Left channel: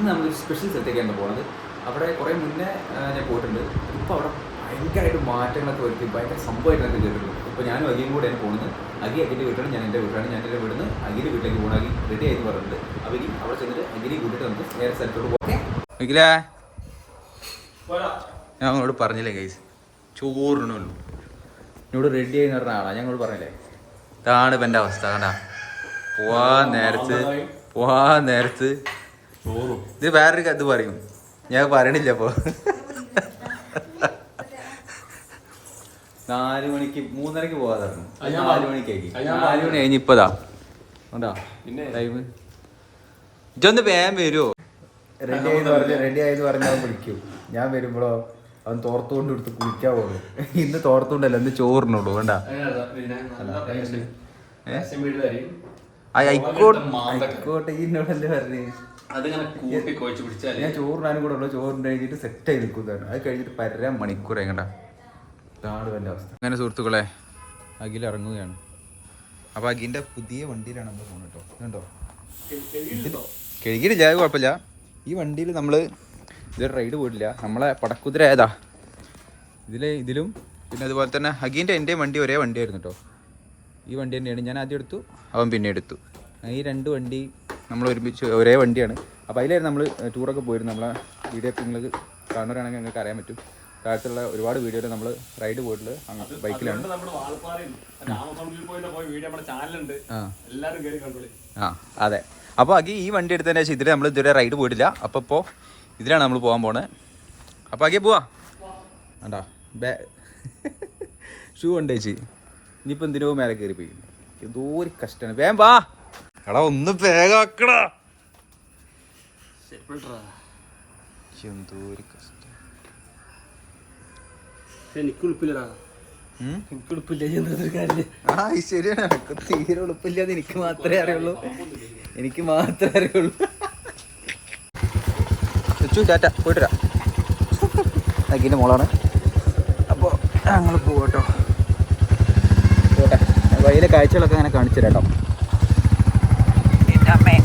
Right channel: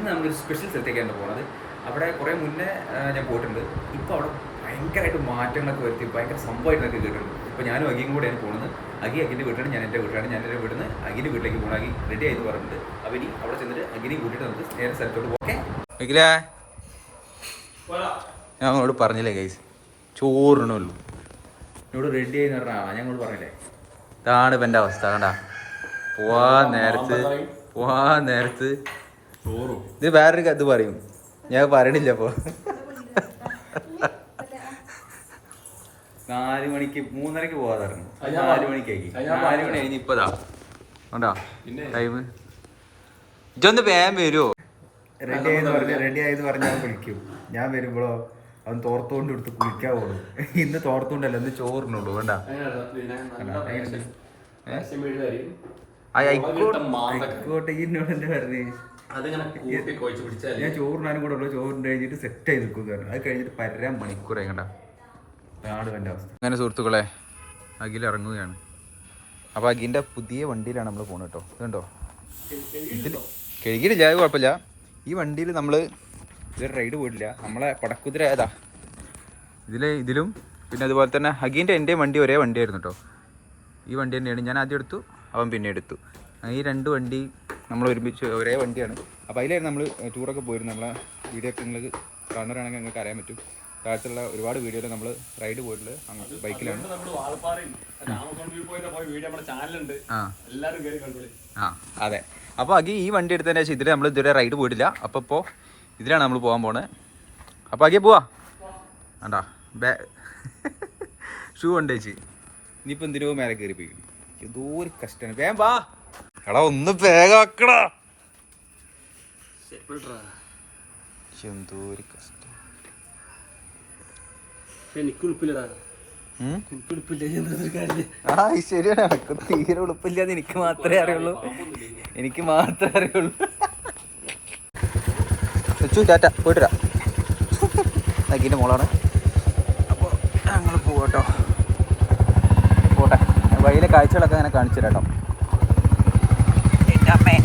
ഇന്ന് നമ്മളൊരു സ്പെഷ്യൽ സ്ഥലത്തേക്കാണ് പോകുന്നത്. അവിടെ കുറേ മുന്നേ ഞാൻ പോയിട്ടുണ്ട്. ഇപ്പോൾ അവിടെ ഭയങ്കരമായിട്ട് മാറ്റങ്ങളൊക്കെ വരുത്തി ഭയങ്കര സംഭവമായിട്ടൊക്കെ കേട്ടിട്ടുണ്ട്. ഇപ്പോൾ ഞാനും അഗിയും കൂടെയാണ് പോകുന്നത്. അഗിൻ്റെ വീട്ടിലാണ്, ഞാൻ എൻ്റെ വീട്ടിലാണ്. ഞാൻ എൻ്റെ വീട്ടിൽ നിന്ന് അഗിൻ്റെ വീട്ടിലേക്ക് പോകണം. അഗി റെഡി ആയിട്ട് പറഞ്ഞിട്ടുണ്ട്. അപ്പോൾ ഇനി അവിടെ ചെന്നിട്ട് അഗിനെ കൂട്ടിയിട്ട് നമുക്ക് നേരെ സ്ഥലത്തോട്ട് പോകേ. അഖില, ഞാൻ നിങ്ങളോട് പറഞ്ഞില്ലേ ഗൈസ്, ചോറിനുള്ളൂ എന്നോട് റെഡി ആയി പറഞ്ഞ ആളാണ്. ഞാൻ നിങ്ങളോട് പറഞ്ഞില്ലേ, ഇതാണ് ഇപ്പം എൻ്റെ അവസ്ഥ. കണ്ടാ പോവാൻ നേരത്ത് ഇത് വേറൊരു ഇത് പറയും, ഞാൻ പറയണില്ല. അപ്പോൾ 4 മണിക്ക് 3:30 പോവാതെ ഇറങ്ങും. 4 മണിക്കായി. 4 മണി കഴിഞ്ഞ് ഇപ്പതാ കണ്ടാ ടൈം. ഇതൊന്ന് വേഗം വരുമോ? റെഡി ആയെന്ന് പറഞ്ഞാൽ അവൻ വിളിക്കും. ഞാൻ വരുമ്പോഴോ അവൻ തോർത്തുകൊണ്ട് എടുത്ത് കുളിക്കാൻ പോകും. ഇന്ന് തോർത്തുകൊണ്ടല്ല, ഇന്ന് ചോറിനോളൂ. വേണ്ട ആയിക്കോട്ടെ. ഇന്നോടല്ലേ പറഞ്ഞേ, ഞാൻ ചോറിനാനും കൂടെ ഉള്ളു. ചോറിന് കഴിഞ്ഞിട്ട് സെറ്റായി നിൽക്കുന്നതാണ്. അത് കഴിഞ്ഞിട്ട് 1.5 മണിക്കൂറായി. കണ്ട ഇതാണ് എൻ്റെ അവസ്ഥ. അങ്ങനെ സുഹൃത്തുക്കളെ, അഖിൽ ഇറങ്ങുകയാണ്. അപ്പോൾ അഖിൻ്റെ പുതിയ വണ്ടിയിലാണ് നമ്മൾ പോകുന്നത് കേട്ടോ. ഇതുണ്ടോ, ഇതിൽ കഴുകിയിട്ടില്ല, അത് കുഴപ്പമില്ല. ഈ വണ്ടിയിൽ നമ്മൾ ഇതൊരു റൈഡ് പോയിട്ടില്ല. നമ്മളെ പടക്കുതിര ഏതാ ഇതിലും പിന്നെ അതുപോലെ തന്നെ അഖിൻ്റെ എൻ്റെ വണ്ടി ഒരേ വണ്ടിയായിരുന്നു കേട്ടോ. ഈ വണ്ടി തന്നെയാണ് ഞാൻ ആദ്യം എടുത്തു, അവൻ പിന്നെ എടുത്തു. ഈ 2 വണ്ടി നമ്മൾ ഒരുമിച്ച് ഒരേ വണ്ടിയാണ്. അപ്പോൾ അതിലായിരുന്നു നമ്മൾ ടൂറൊക്കെ പോയിരുന്നു. നമ്മളെ വീഡിയോ ഒക്കെ നിങ്ങൾക്ക് കാണുന്നവരാണെങ്കിൽ നിങ്ങൾക്ക് അറിയാൻ പറ്റും. കാലത്തുള്ള ഒരുപാട് വീഡിയോയിൽ നമ്മൾ റൈഡ് പോയിട്ടുള്ളത് ബൈക്കിലാണ്. അതെ. അപ്പോൾ അഖി ഈ വണ്ടി എടുത്തതിന് ശേഷം ഇതിൽ നമ്മൾ ഇതുവരെ റൈഡ് പോയിട്ടില്ല. അപ്പോൾ ഇപ്പോൾ ഇതിലാണ് നമ്മൾ പോകാൻ പോണത്. അപ്പോൾ അഖിയെ പോവാ. വേണ്ടാ ഷൂ ഉണ്ട് ചേച്ചി. ഇനിയിപ്പോൾ എന്തിനോ മേലെ കയറി പോയി. എന്തോ ഒരു കഷ്ടമാണ്. വേഗം വാ എടാ, ഒന്ന് വേഗം ആക്കടാ. എന്തോ ഒരു കഷ്ടം. ആ ശരിയാണ്, തീരെ ഉളുപ്പില്ലാതെ എനിക്ക് മാത്രമേ അറിയുള്ളൂ. ടാറ്റ, പോയിട്ട് വരാം. അഖിൻ്റെ മോളാണ്. അപ്പോൾ നമ്മൾ പോകട്ടോ. പോട്ടെ, വഴിയിലെ കാഴ്ചകളൊക്കെ അങ്ങനെ കാണിച്ചു തരാം കേട്ടോ. അമ്മേ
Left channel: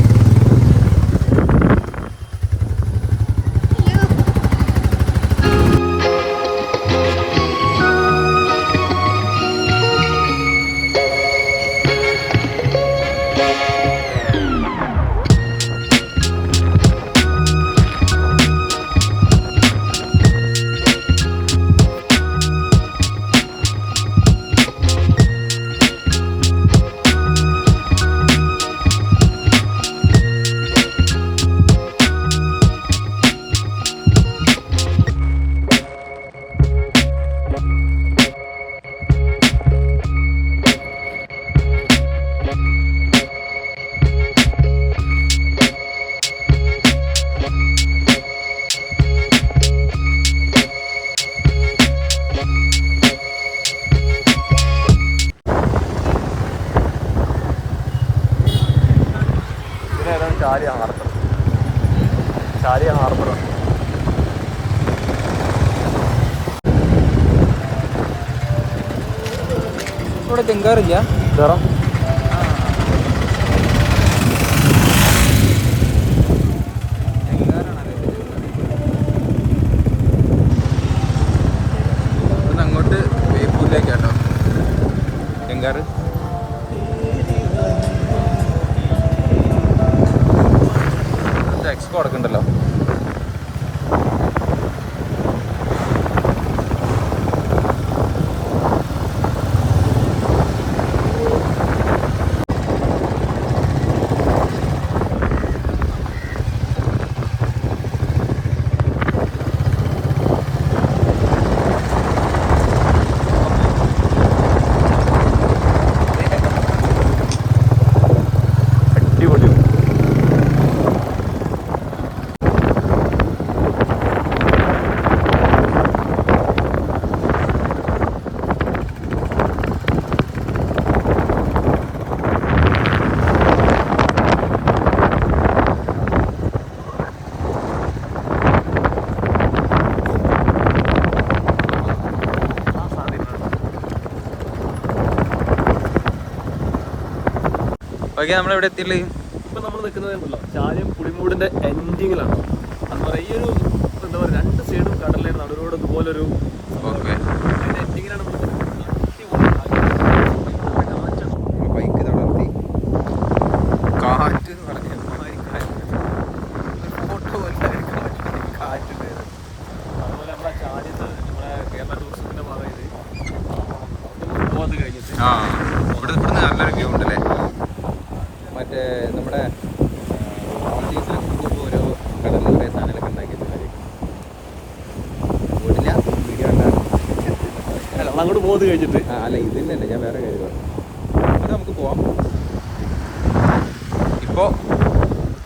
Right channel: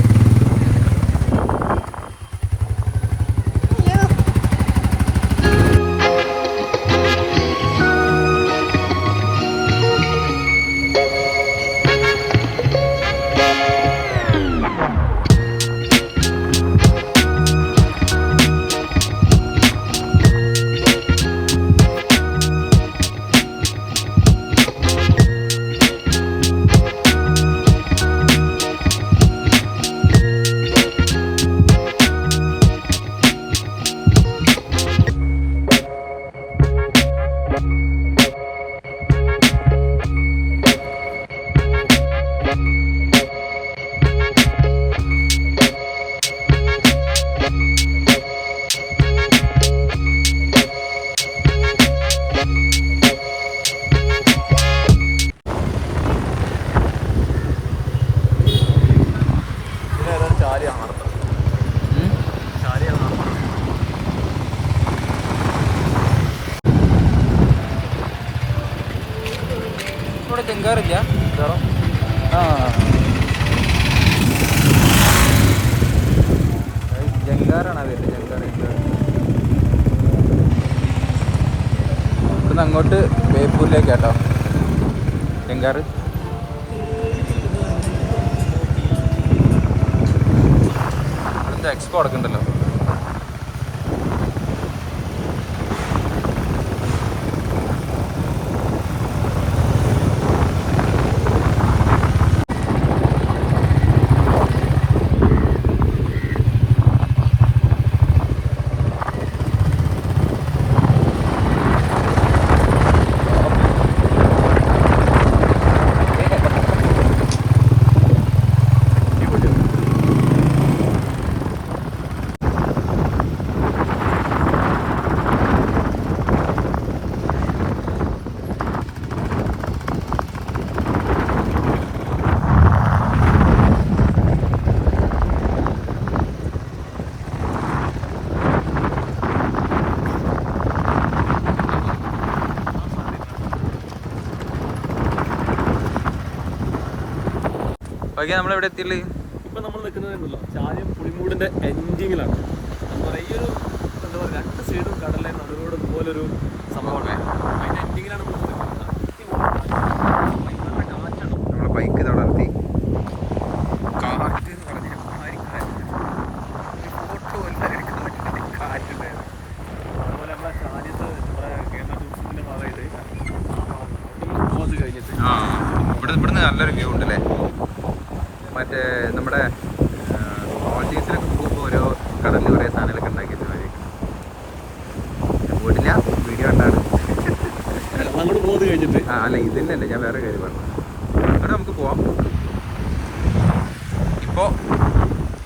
ഇവിടെ തെങ്കാറില്ല. ജങ്കാറാണ് അതിൻ്റെ. ഇവിടുന്ന് അങ്ങോട്ട് ബേപ്പൂരിലേക്കാട്ടോ ജങ്കാറ്. ഇവിടുത്തെ എക്സ്പോ അടക്കണ്ടല്ലോ. ഓക്കെ, നമ്മളെവിടെ എത്തിയുള്ളത്? നമ്മൾ നിൽക്കുന്നതല്ലോ ചാലിയം പുളിമൂടിന്റെ എൻഡിങ്ങിലാണ്. അതുപോലെ ഈ ഒരു എന്താ പറയുക, രണ്ട് സൈഡും കടലിലെ നടുവിലൂടെ ഇതുപോലൊരു സംഭവം. അതിന്റെ എൻഡിങ്ങിലാണ് നമ്മൾ നിൽക്കുന്നത്. ബൈക്ക് തളർത്തി കാറ്റുണ്ടായത്. അതുപോലെ നമ്മളെ ചാലിയത്ത് നമ്മുടെ കേരള ടൂറിസത്തിന്റെ ഭാഗമായിട്ട് കഴിഞ്ഞിട്ട് ഇവിടുന്ന് നല്ലൊരു വ്യൂ ഉണ്ടല്ലേ. മറ്റേ നമ്മുടെ മാൾഡീവ്സിലൊക്കെ പോകുമ്പോൾ ഓരോ കടലിൽ കുറേ സാധനങ്ങളൊക്കെ ഉണ്ടാക്കിയിട്ട് മതി. പോയിട്ടില്ല, വീഡിയോ കണ്ടാണ്. അങ്ങോട്ട് പോകുന്നത് കഴിഞ്ഞിട്ട് അല്ല ഇതില്ലല്ലേ, ഞാൻ വേറെ കാര്യം പറഞ്ഞു. അത് നമുക്ക് പോവാം. ഇപ്പോൾ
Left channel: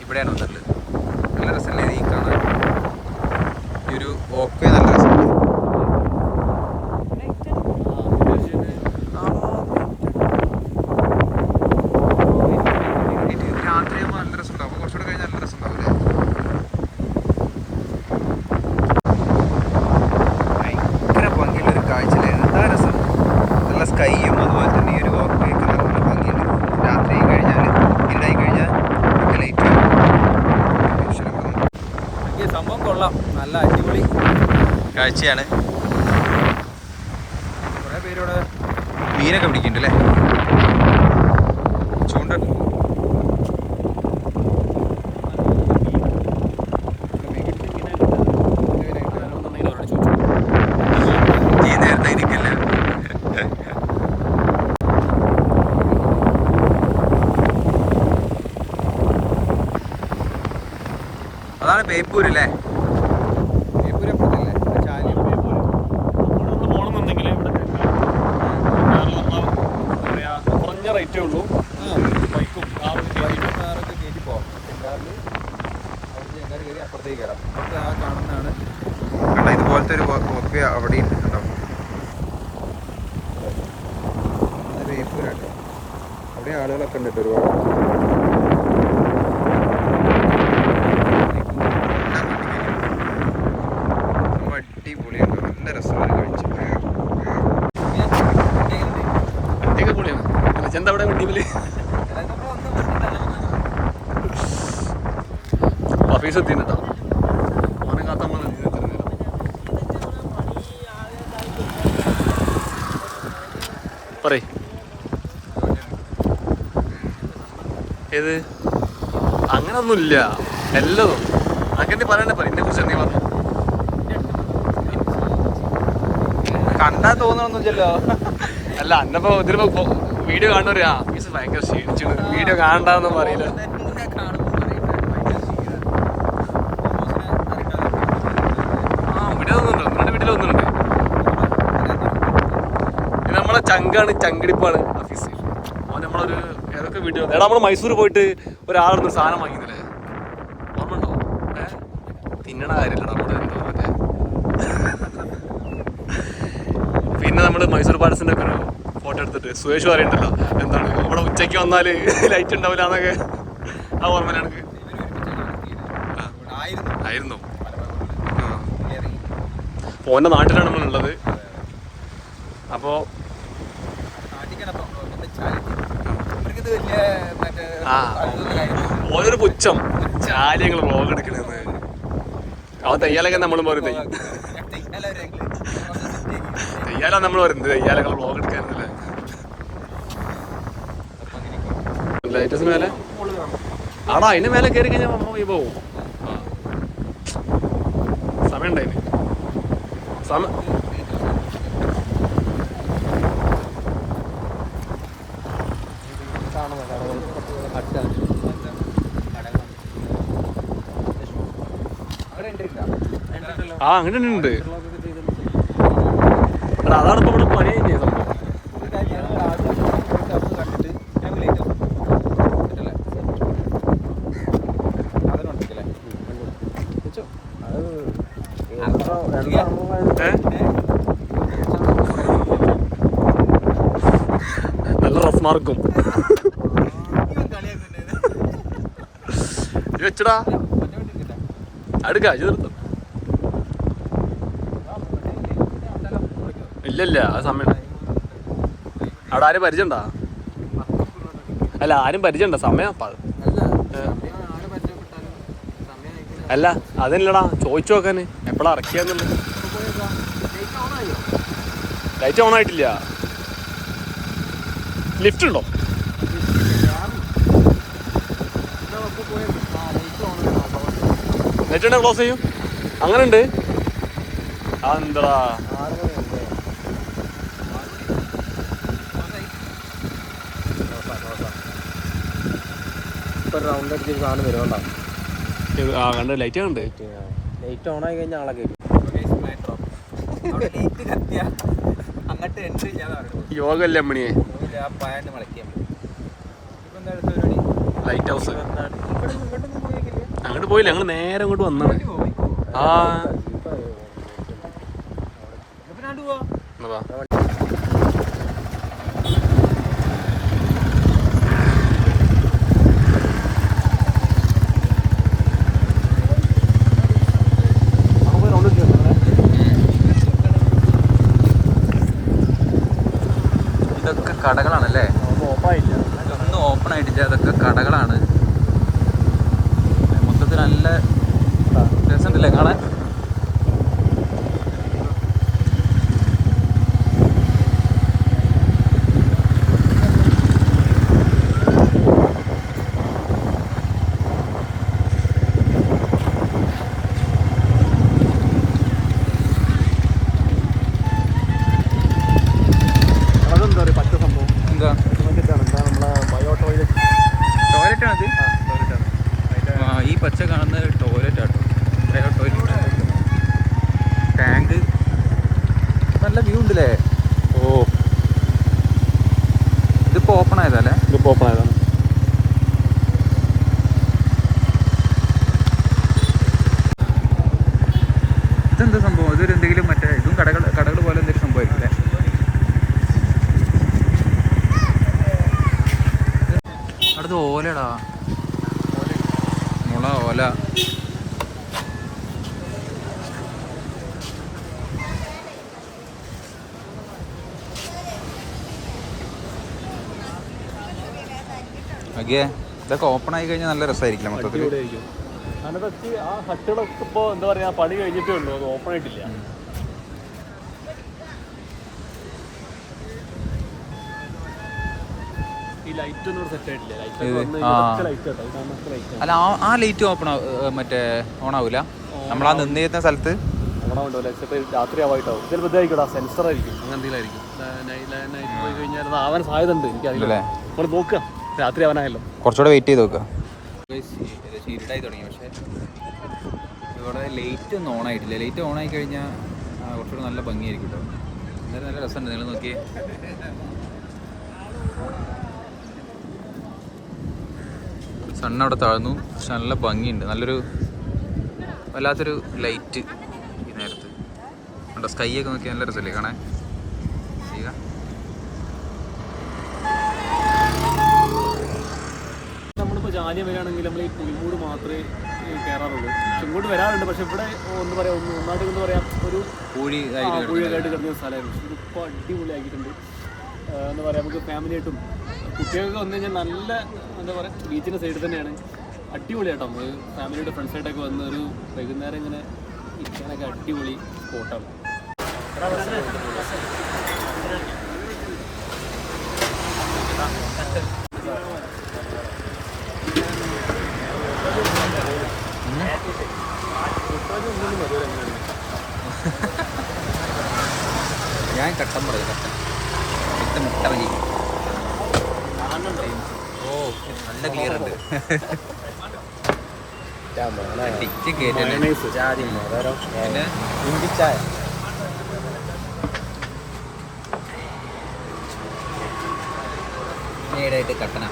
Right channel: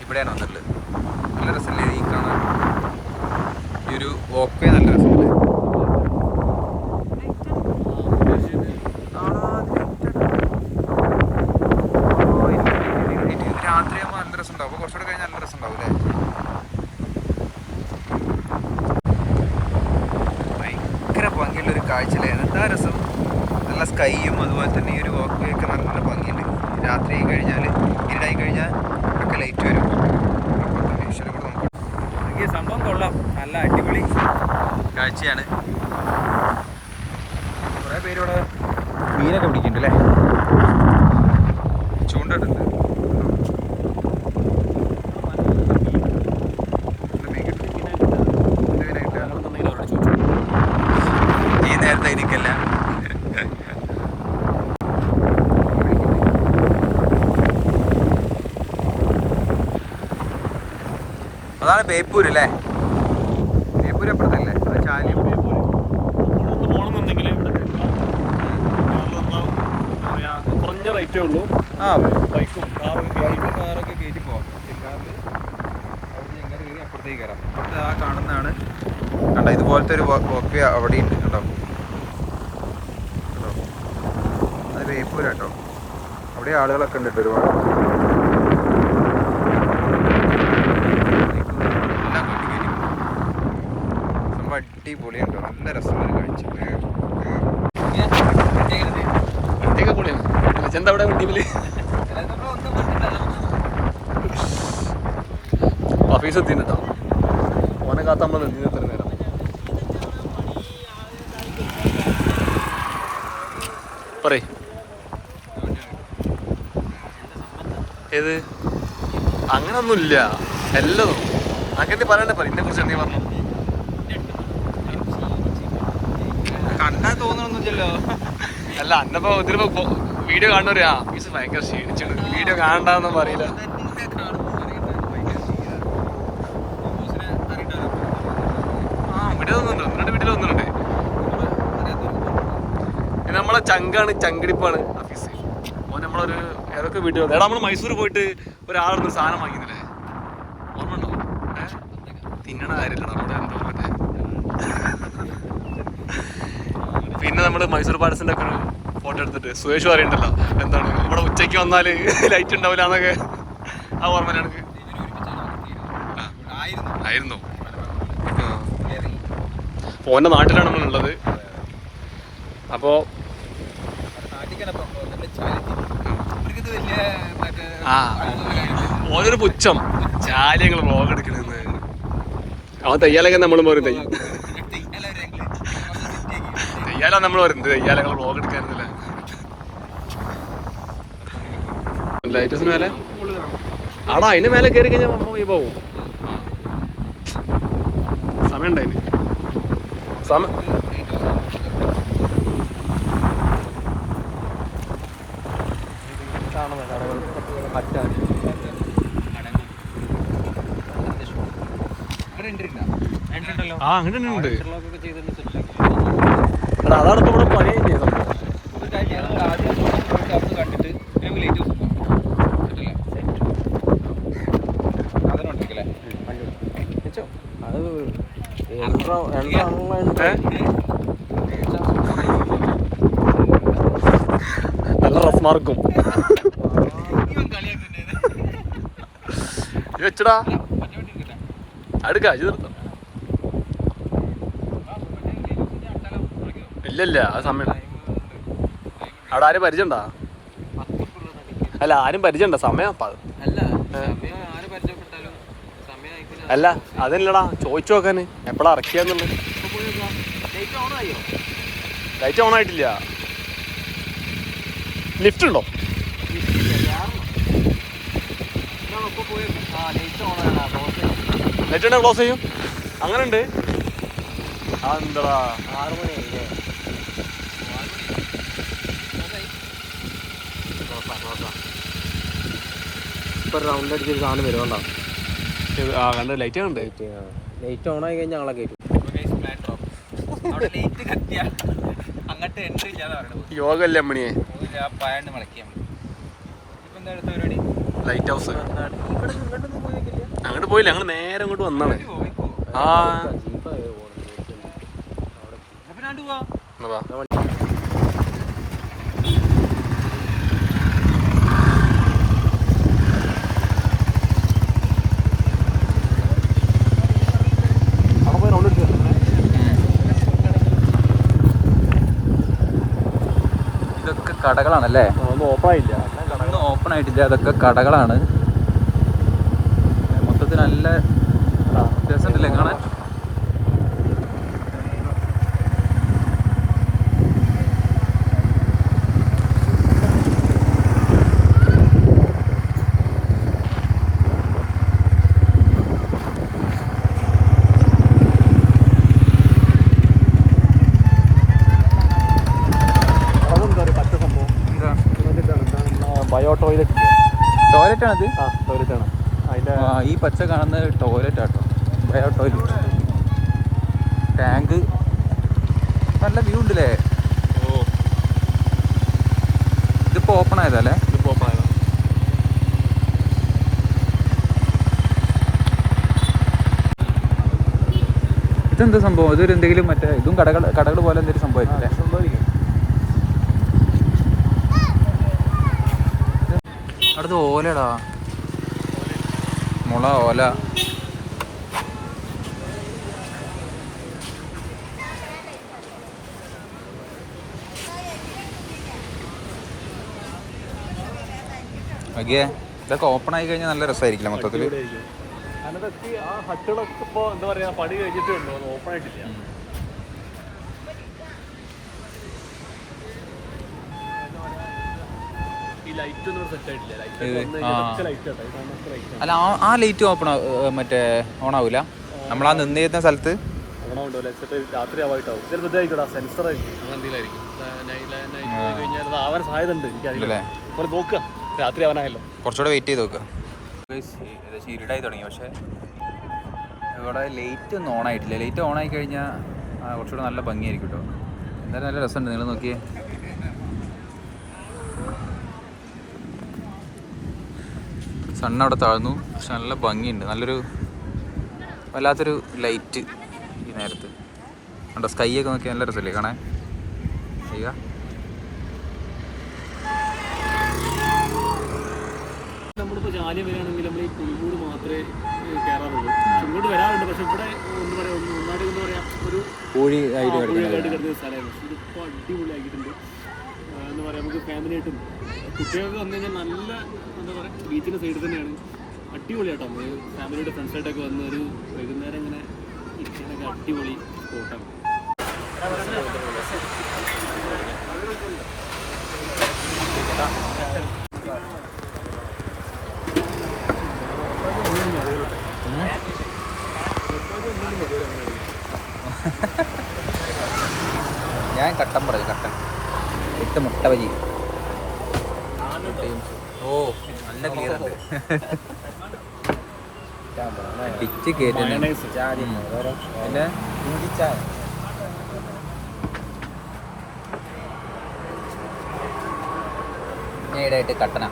ഇവിടെയാണ് വന്നിട്ടുള്ളത്. നല്ല രസമല്ലേ ഈ കാണാൻ. ഈ ഒരു വോക്ക് വേ നല്ല രസമുണ്ട്. രാത്രിയാകുമ്പോൾ നല്ല രസമുണ്ടാവും. അപ്പോൾ കുറച്ചുകൂടെ കഴിഞ്ഞാൽ നല്ല രസമുണ്ടാവും അല്ലേ. ഭയങ്കര ഭംഗിയുള്ളൊരു കാഴ്ചയല്ലേ. എന്താ രസം. നല്ല സ്കൈയും അതുപോലെ തന്നെ ഈ ഒരു വോക്ക് വേക്ക് നല്ല ഭംഗിയുണ്ട്. രാത്രി കഴിഞ്ഞാൽ ഇരുടായി കഴിഞ്ഞാൽ ഒക്കെ ലൈറ്റ് വരും. എനിക്ക് സംഭവം കൊള്ളാം. നല്ല അടിപൊളി കാഴ്ചയാണ്. കുറേ പേരിവിടെ മീനൊക്കെ പിടിക്കുന്നുണ്ട് അല്ലേ. ചൂണ്ടിട്ടുണ്ട്. ഈ നേരത്തെ ഇരിക്കല്ല. അതാണ് ബേപ്പൂർ അല്ലേ. ബേപ്പൂർ എപ്പോഴത്തല്ലേ ചാലിയം. പോകണമെന്നുണ്ടെങ്കിൽ ഇവിടെ കുറഞ്ഞ റേറ്റേ ഉള്ളൂ. ബൈക്കും കാറൊക്കെ കയറ്റി പോകാം. ചെങ്കാറിൽ കയറി അപ്പുറത്തേക്ക് കയറാം. ഇവിടുത്തെ ആ കാണുന്നതാണ് കണ്ടോ. ഇതുപോലത്തെ ഒരു വോക്ക് അവിടെയും ഉണ്ടോ. അത് ബേപ്പൂർ കേട്ടോ. അവിടെ ആളുകളൊക്കെ ഉണ്ട് കേട്ടോ ഒരുപാട്. അടിപൊളിയുണ്ടോ. നല്ല രസമുള്ള കാഴ്ച. വണ്ടിയൊക്കെ പൊളിയാണ്. ചെന്താ അവിടെ വണ്ടിയില് ഓഫീസ് എത്തിട്ടോ. ഓനെ കാത്ത നമ്മൾ നിന്ന് എത്ര നേരം. പറയ് ഏത് അങ്ങനൊന്നുമില്ല. എല്ലതും അങ്ങനെ പറയണ്ടേ. എന്നെ കുറിച്ച് നീ പറഞ്ഞു. കണ്ടാ തോന്നണമെന്നില്ലല്ലോ. അല്ല അന്നപ്പോ ഇതിലിപ്പോ വീഡിയോ കാണുന്നവരാ മീസ് ഭയങ്കര ക്ഷീണിച്ചു. വീഡിയോ കാണണ്ടെന്നും പറയില്ല. വീഡിയോ ഒന്നുണ്ട്, വീട്ടിൽ ഒന്നുണ്ട്. ഇത് നമ്മളെ ചങ്കാണ്, ചങ്കിടിപ്പാണ് ഓഫീസ്. ഓൻ നമ്മളൊരു ഏതൊക്കെ വീഡിയോ എടാ നമ്മള് മൈസൂർ പോയിട്ട് ഒരാളൊരു സാധനം വാങ്ങിയില്ലേ, ഓർമ്മ ഉണ്ടോ? തിന്നണ കാര്യമില്ല നമ്മുടെ എന്തോന്നൊക്കെ. പിന്നെ നമ്മൾ മൈസൂർ പാലസിന്റെ ഒക്കെ ഒരു ഫോട്ടോ എടുത്തിട്ട് സുരേഷ് പറയുന്നുണ്ടല്ലോ എന്താണ് നമ്മുടെ ഉച്ചയ്ക്ക് വന്നാല് ലൈറ്റ് ഉണ്ടാവില്ല എന്നൊക്കെ. ആ ഓർമ്മ എനിക്ക് ആയിരുന്നോ? ഓൻ്റെ നാട്ടിലാണ് നമ്മളുള്ളത്. അപ്പോൾ ഓനൊരു പുച്ഛം ചാലിയങ്ങൾ വ്ളോഗ് എടുക്കണെന്ന്. അവൻ തയ്യാലൊക്കെ നമ്മൾ പറയും തെയ്യാല നമ്മൾ പറയുന്നത് തെയ്യാലകൾ വ്ളോഗ് എടുക്കാനല്ലേ. ലൈറ്റസ് മേലെ ആടാ അതിന്റെ മേലെ കയറി കഴിഞ്ഞാൽ നമ്മൾ പോവും. സമയം ഉണ്ടായിന് സമയം ആ അങ്ങനെ ഉണ്ട്. അതാണ് ഇപ്പൊ ഇവിടെ പണി കഴിഞ്ഞ സംഭവം. കണ്ടിട്ട് നല്ല റഫ് മാർക്കും വെച്ചടാ അടുക്കാ ചേർത്ത. ഇല്ലല്ല ആ സമയം അവിടെ ആരും പരിചയണ്ടാ? അല്ല ആരും പരിചയണ്ട സമയം. അല്ല അതല്ലടാ ചോദിച്ചു നോക്കാന് എപ്പോഴാ ഇറക്കിയാന്നുള്ളത്. ലൈറ്റ് ഓൺ ആയിട്ടില്ല. ലിഫ്റ്റ് ഉണ്ടോ? ലൈറ്റ് ഉണ്ടെങ്കിൽ ക്ലോസ് ചെയ്യും. അങ്ങനെ ഉണ്ട്. അതെന്താടാ റൗണ്ട് അടിച്ചൊരു സാധനം വരുമോ? ആ കണ്ട് ലൈറ്റ് കണ്ട്. ലൈറ്റ് ഓൺ ആയി കഴിഞ്ഞാൽ ആളെ കയറ്റും. അങ്ങോട്ട് എൻട്രി ഇല്ലാന്ന് പറയുന്നത് യോഗല്ലേ അമ്മണിയെ. പയണ്ട് മടക്കിയാൽ മതി. ഇപ്പൊ എന്താ അടുത്ത പരിപാടി? Light house. അങ്ങോട്ട് പോയില്ല, ഞങ്ങൾ നേരെ അങ്ങോട്ട് വന്നാണ്. ആ എന്നാ ഇതൊക്കെ കടകളാണല്ലേ? ഒന്നും ഓപ്പൺ ആയിട്ടില്ല. അതൊക്കെ കടകളാണ്. മൊത്തത്തിൽ നല്ല രസമുണ്ടല്ലേ കാണാൻ? ടോയ്ലറ്റ് ആണത്. ഈ പച്ച കാണുന്ന ടോയ്ലറ്റ് ആട്ടോ, ബയോ ടോയ്ലറ്റ്. ടാങ്ക് നല്ല വ്യൂ ഉണ്ടല്ലേ? ഓ ഇതിപ്പോ ഓപ്പൺ ആയതല്ലേ? ഇതിപ്പോ ഓപ്പൺ ആയതാ. ഇതെന്താ സംഭവം? ഇതൊരു എന്തെങ്കിലും മറ്റേ ഇതും കടകൾ പോലെ എന്തെങ്കിലും സംഭവമായിരിക്കും അല്ലേ? അടുത്ത് ഓലടാ, മുള ഓല. അഗേ ഇതൊക്കെ ഓപ്പൺ ആയി കഴിഞ്ഞാൽ നല്ല രസമായിരിക്കില്ല മൊത്തത്തിൽ. ആ ഹട്ടുകളൊക്കെ ഇപ്പൊ എന്താ പറയാ പണി കഴിഞ്ഞിട്ടേ ഉള്ളൂ, അത് ഓപ്പൺ ആയിട്ടില്ല. അല്ല ആ ലൈറ്റ് ഓപ്പൺ മറ്റേ ഓൺ ആവൂല? നമ്മളാ നിന്നിരുന്ന സ്ഥലത്ത് രാത്രി ആവായിട്ടാവും. ചിലപ്പോൾ ഇതായിരിക്കും സെൻസർ ആയിരിക്കും, അങ്ങനെ എന്തെങ്കിലും ആവാൻ സാധ്യത ഉണ്ട്. എനിക്കറിയില്ലേ, നോക്കുക രാത്രി ആവാനായല്ലോ. കുറച്ചുകൂടെ വെയിറ്റ് ചെയ്ത് നോക്കുക. ഏകദേശം ഇരുടായി തുടങ്ങി, പക്ഷേ ഇവിടെ ലൈറ്റ് ഒന്നും ഓൺ ആയിട്ടില്ല. ലൈറ്റ് ഓൺ ആയി കഴിഞ്ഞാൽ കുറച്ചുകൂടെ നല്ല ഭംഗിയായിരിക്കും കേട്ടോ. എന്തായാലും നല്ല രസമുണ്ട്. നിങ്ങൾ നോക്കിയേ, സണ്ണവിടെ താഴ്ന്നു, പക്ഷെ നല്ല ഭംഗിയുണ്ട്. നല്ലൊരു വല്ലാത്തൊരു ലൈറ്റ് ഈ നേരത്ത് കണ്ടോ. സ്കൈ ഒക്കെ നോക്കിയാൽ നല്ല രസമല്ലേ കാണാൻ? ചെയ്യുക നമ്മളിപ്പോൾ ജാലിയ വരികയാണെങ്കിൽ നമ്മൾ ഈ പുളിമൂട് മാത്രമേ കയറാറുള്ളൂ. ഇങ്ങോട്ട് വരാറുണ്ട്, പക്ഷെ ഇവിടെ എന്താ പറയുക, ഒന്നായിട്ട് എന്താ പറയുക, ഒരു പൂഴിയായിട്ട് കിടക്കുന്ന സ്ഥലമായിരുന്നു. ഇതിപ്പോൾ അടിപൊളിയാക്കിയിട്ടുണ്ട്. എന്താ പറയുക, നമുക്ക് ഫാമിലിയായിട്ടും കുട്ടികൾക്ക് വന്നു കഴിഞ്ഞാൽ നല്ല എന്താ പറയുക, ബീച്ചിൻ്റെ സൈഡിൽ തന്നെയാണ്. അടിപൊളിയായിട്ടോ. നമ്മൾ ഫാമിലിയുടെ ഫ്രണ്ട്സായിട്ടൊക്കെ വന്ന് ഒരു വൈകുന്നേരം ഇങ്ങനെ ഇരിക്കാനൊക്കെ അടിപൊളി സ്പോട്ടാണ്. ഞാൻ കട്ടൻ പറയും, കട്ടൻ വിത്ത് മുട്ട വലി. ഓ നല്ല ക്ലിയർ ഉണ്ട്. ഡിച്ച് പിന്നെ ഇഞ്ചിച്ചായ. നേടായിട്ട് കട്ടന.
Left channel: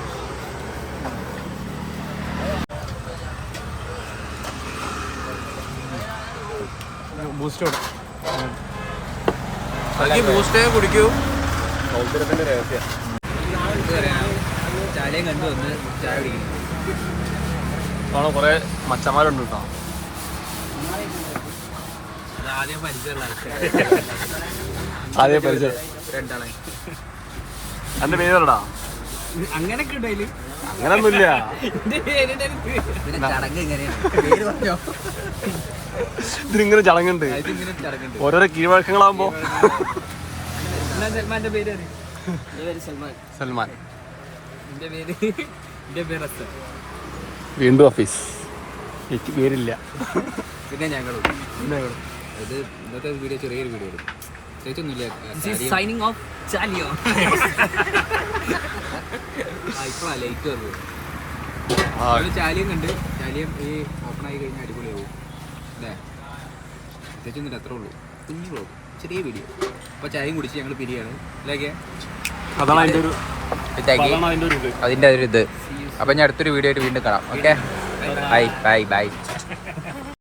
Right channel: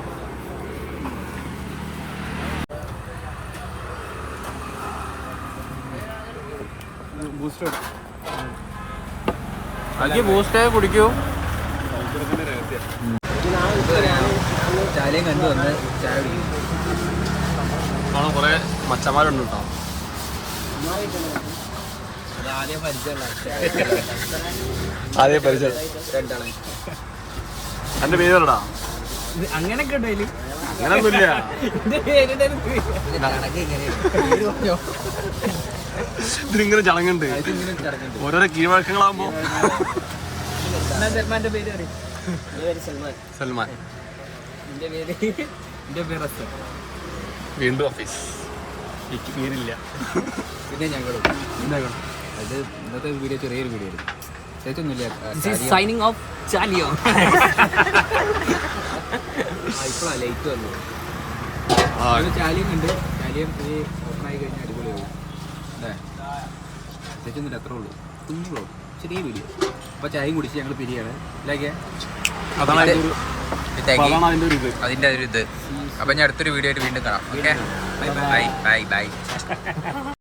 ബാക്കി ബൂസ്റ്റേ കുടിക്കൂ. ചായയും കണ്ടു വന്ന് ചായ കുടിക്കുന്നു. കാണാൻ കുറേ മച്ചന്മാരുണ്ട് കേട്ടോ. ആദ്യം പരിചയം. എൻ്റെ പേര് പറടാ. അങ്ങനെയൊക്കെ ഉണ്ട് അതില്. അങ്ങനൊന്നുമില്ല. ഇതിനിങ്ങനെ ചടങ്ങുണ്ട്. ഓരോരോ കീഴ്വഴക്കങ്ങളാകുമ്പോ. സൽമാന്റെ പേര് എന്റെ പേര് സൽമാൻ. സൽമാൻ. എന്റെ പേര് അസർ. വീണ്ടും ഓഫീസ്. എനിക്ക് പേരില്ല. പിന്നെ ഞങ്ങളും ഇത് ഇന്നത്തെ വീഡിയോ ചെറിയൊരു വീഡിയോ എടുക്കും. സൈനിങ് ഓഫ് ചാലിയോ. ഇപ്പോഴാ ലൈറ്റ് വന്നത്. ചാലിയം കണ്ട് ചാലിയം ഈ ഓപ്പൺ ആയി കഴിഞ്ഞാൽ അടിപൊളിയാവും അല്ലേ? പ്രത്യേകിച്ചൊന്നുമില്ല, അത്രേ ഉള്ളൂ. കുഞ്ഞുള്ളൂ, ചെറിയ വീഡിയോ. അപ്പോൾ ചായയും കുടിച്ച് ഞങ്ങൾ പിരിയാണ്. ഇല്ലേക്കെ അതാണ് അതിൻ്റെ ഒരു ഇത്. അതിൻ്റെ ഒരു ഇത്. അപ്പം ഞാൻ അടുത്തൊരു വീഡിയോ ആയിട്ട് വീണ്ടും കാണാം. Okay, bye bye bye.